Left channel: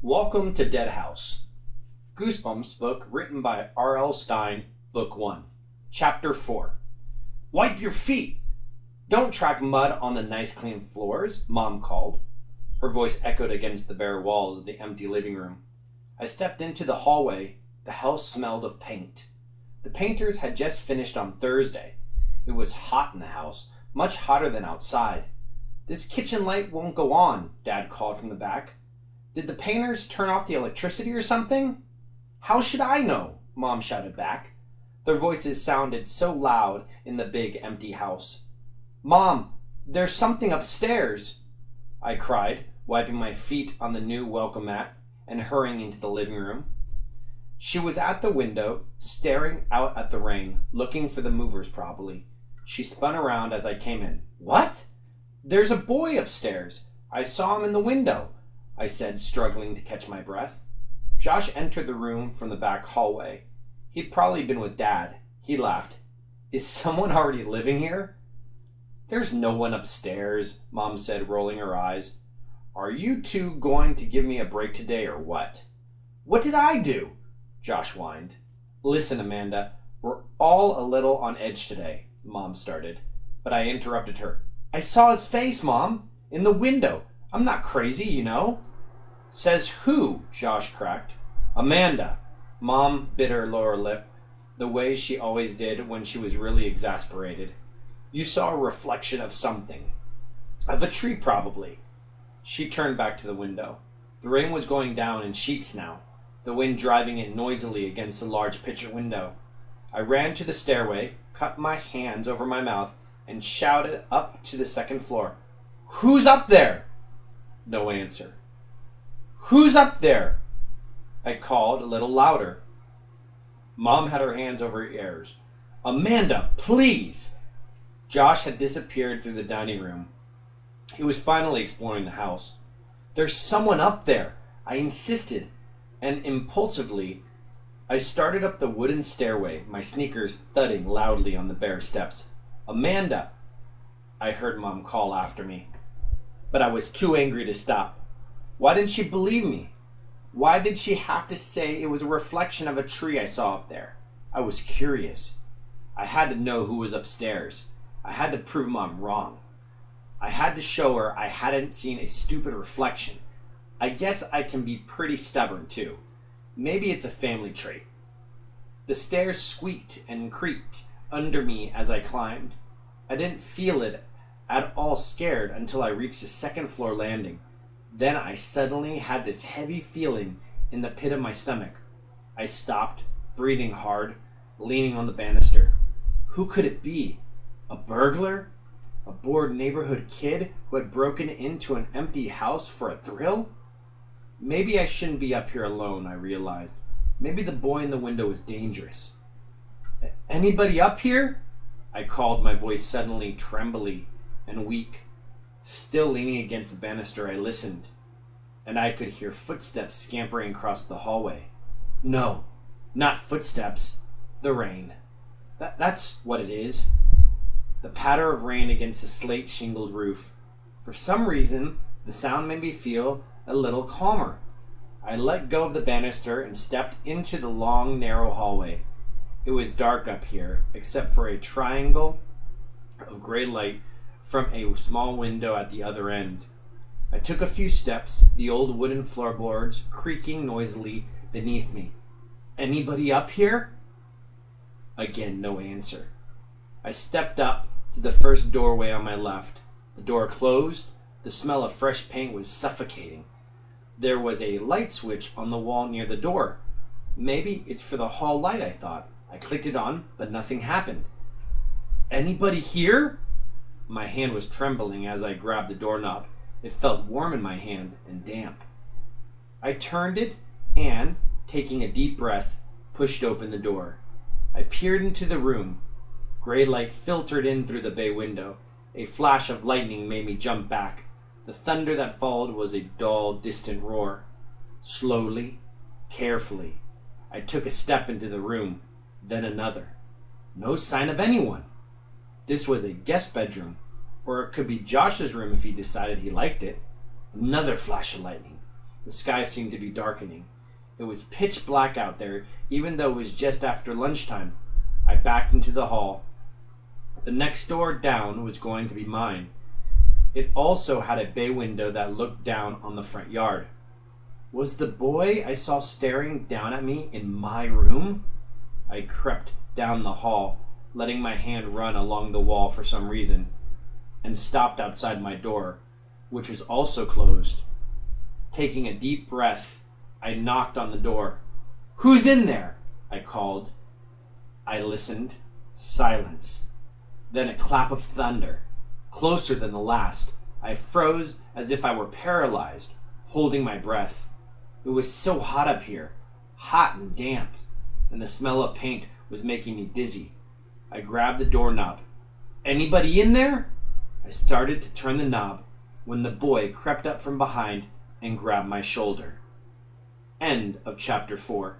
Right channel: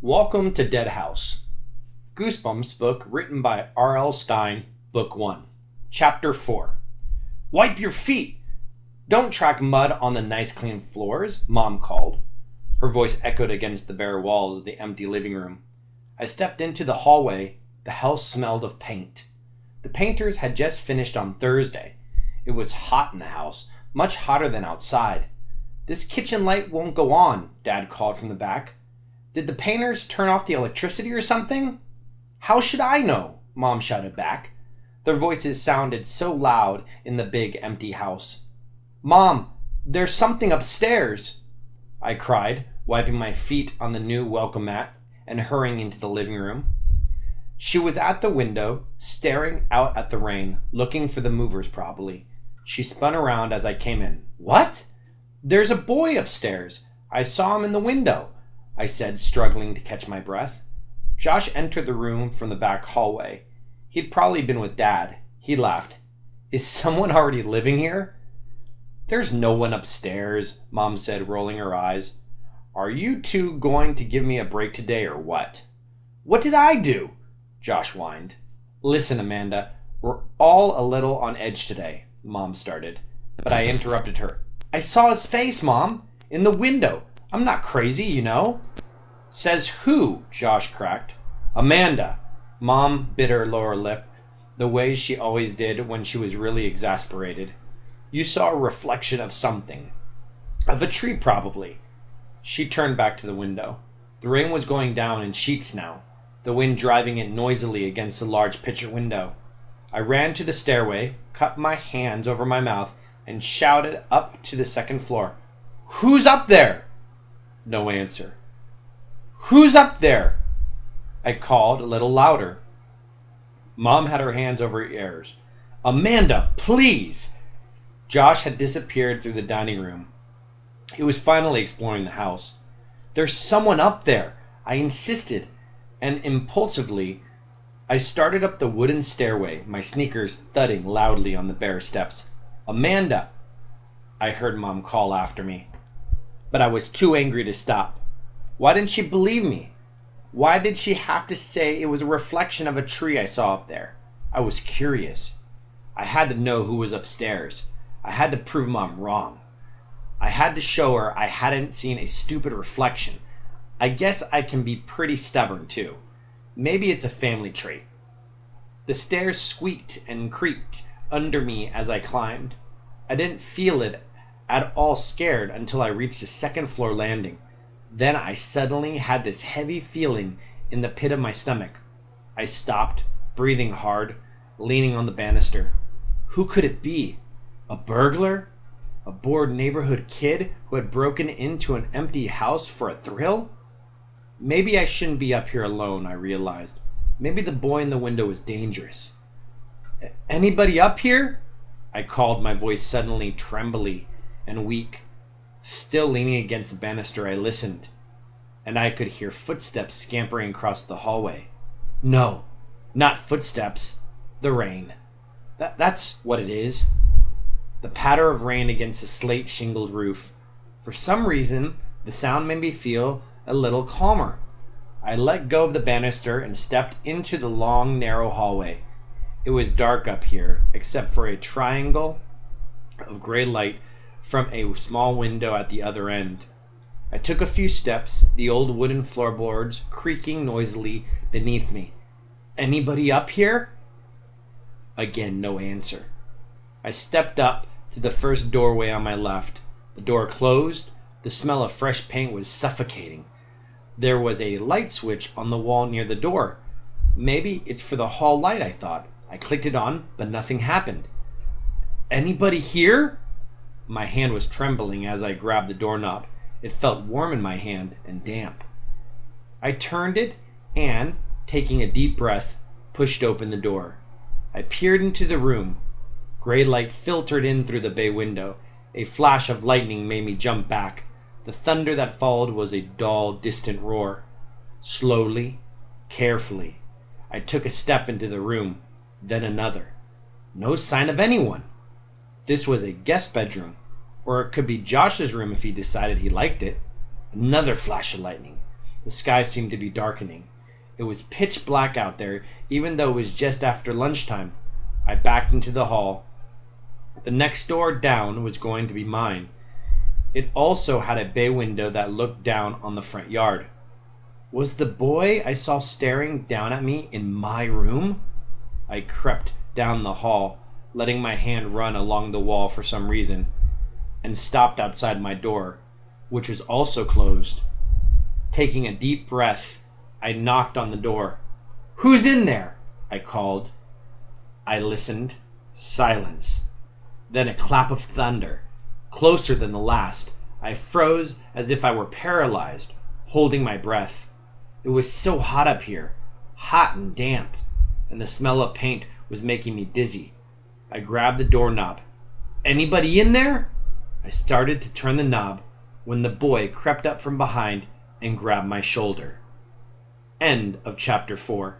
Welcome to Dead House. Goosebumps Book written by R.L. Stine, Book 1. Chapter 4. Wipe your feet! Don't track mud on the nice clean floors, Mom called. Her voice echoed against the bare walls of the empty living room. I stepped into the hallway. The house smelled of paint. The painters had just finished on Thursday. It was hot in the house, much hotter than outside. This kitchen light won't go on, Dad called from the back. Did the painters turn off the electricity or something? How should I know? Mom shouted back. Their voices sounded so loud in the big empty house. Mom, there's something upstairs, I cried, wiping my feet on the new welcome mat and hurrying into the living room. She was at the window, staring out at the rain, looking for the movers probably. She spun around as I came in. What? There's a boy upstairs. I saw him in the window, I said, struggling to catch my breath. Josh entered the room from the back hallway. He'd probably been with Dad. He laughed. Is someone already living here? There's no one upstairs, Mom said, rolling her eyes. Are you two going to give me a break today or what? What did I do? Josh whined. Listen, Amanda, we're all a little on edge today, Mom started. But I interrupted her. I saw his face, Mom, in the window. I'm not crazy, you know. Says who? Josh cracked. Amanda. Mom bit her lower lip, the way she always did when she was really exasperated. You saw a reflection of something. Of a tree, probably. She turned back to the window. The rain was going down in sheets now, the wind driving it noisily against the large picture window. I ran to the stairway, cut my hands over my mouth, and shouted up to the second floor. Who's up there? No answer. Who's up there? I called a little louder. Mom had her hands over her ears. Amanda, please! Josh had disappeared through the dining room. He was finally exploring the house. There's someone up there, I insisted, and impulsively, I started up the wooden stairway, my sneakers thudding loudly on the bare steps. Amanda! I heard Mom call after me. But I was too angry to stop. Why didn't she believe me? Why did she have to say it was a reflection of a tree I saw up there? I was curious. I had to know who was upstairs. I had to prove Mom wrong. I had to show her I hadn't seen a stupid reflection. I guess I can be pretty stubborn too. Maybe it's a family trait. The stairs squeaked and creaked under me as I climbed. I didn't feel it at all scared until I reached the second floor landing. Then I suddenly had this heavy feeling in the pit of my stomach. I stopped, breathing hard, leaning on the banister. Who could it be? A burglar? A bored neighborhood kid who had broken into an empty house for a thrill? Maybe I shouldn't be up here alone, I realized. Maybe the boy in the window was dangerous. Anybody up here? I called, my voice suddenly trembly and weak. Still leaning against the banister, I listened, and I could hear footsteps scampering across the hallway. No, not footsteps. The rain. That's what it is. The patter of rain against the slate-shingled roof. For some reason, the sound made me feel a little calmer. I let go of the banister and stepped into the long, narrow hallway. It was dark up here, except for a triangle of gray light from a small window at the other end. I took a few steps, the old wooden floorboards creaking noisily beneath me. Anybody up here? Again, no answer. I stepped up to the first doorway on my left. The door closed. The smell of fresh paint was suffocating. There was a light switch on the wall near the door. Maybe it's for the hall light, I thought. I clicked it on, but nothing happened. Anybody here? My hand was trembling as I grabbed the doorknob. It felt warm in my hand and damp. I turned it and, taking a deep breath, pushed open the door. I peered into the room. Gray light filtered in through the bay window. A flash of lightning made me jump back. The thunder that followed was a dull, distant roar. Slowly, carefully, I took a step into the room, then another. No sign of anyone. This was a guest bedroom, or it could be Josh's room if he decided he liked it. Another flash of lightning. The sky seemed to be darkening. It was pitch black out there, even though it was just after lunchtime. I backed into the hall. The next door down was going to be mine. It also had a bay window that looked down on the front yard. Was the boy I saw staring down at me in my room? I crept down the hall, letting my hand run along the wall for some reason, and stopped outside my door, which was also closed. Taking a deep breath, I knocked on the door. "Who's in there?" I called. I listened. Silence. Then a clap of thunder, closer than the last. I froze as if I were paralyzed, holding my breath. It was so hot up here, hot and damp, and the smell of paint was making me dizzy. I grabbed the doorknob. "Anybody in there?" I started to turn the knob when the boy crept up from behind and grabbed my shoulder. End of chapter 4.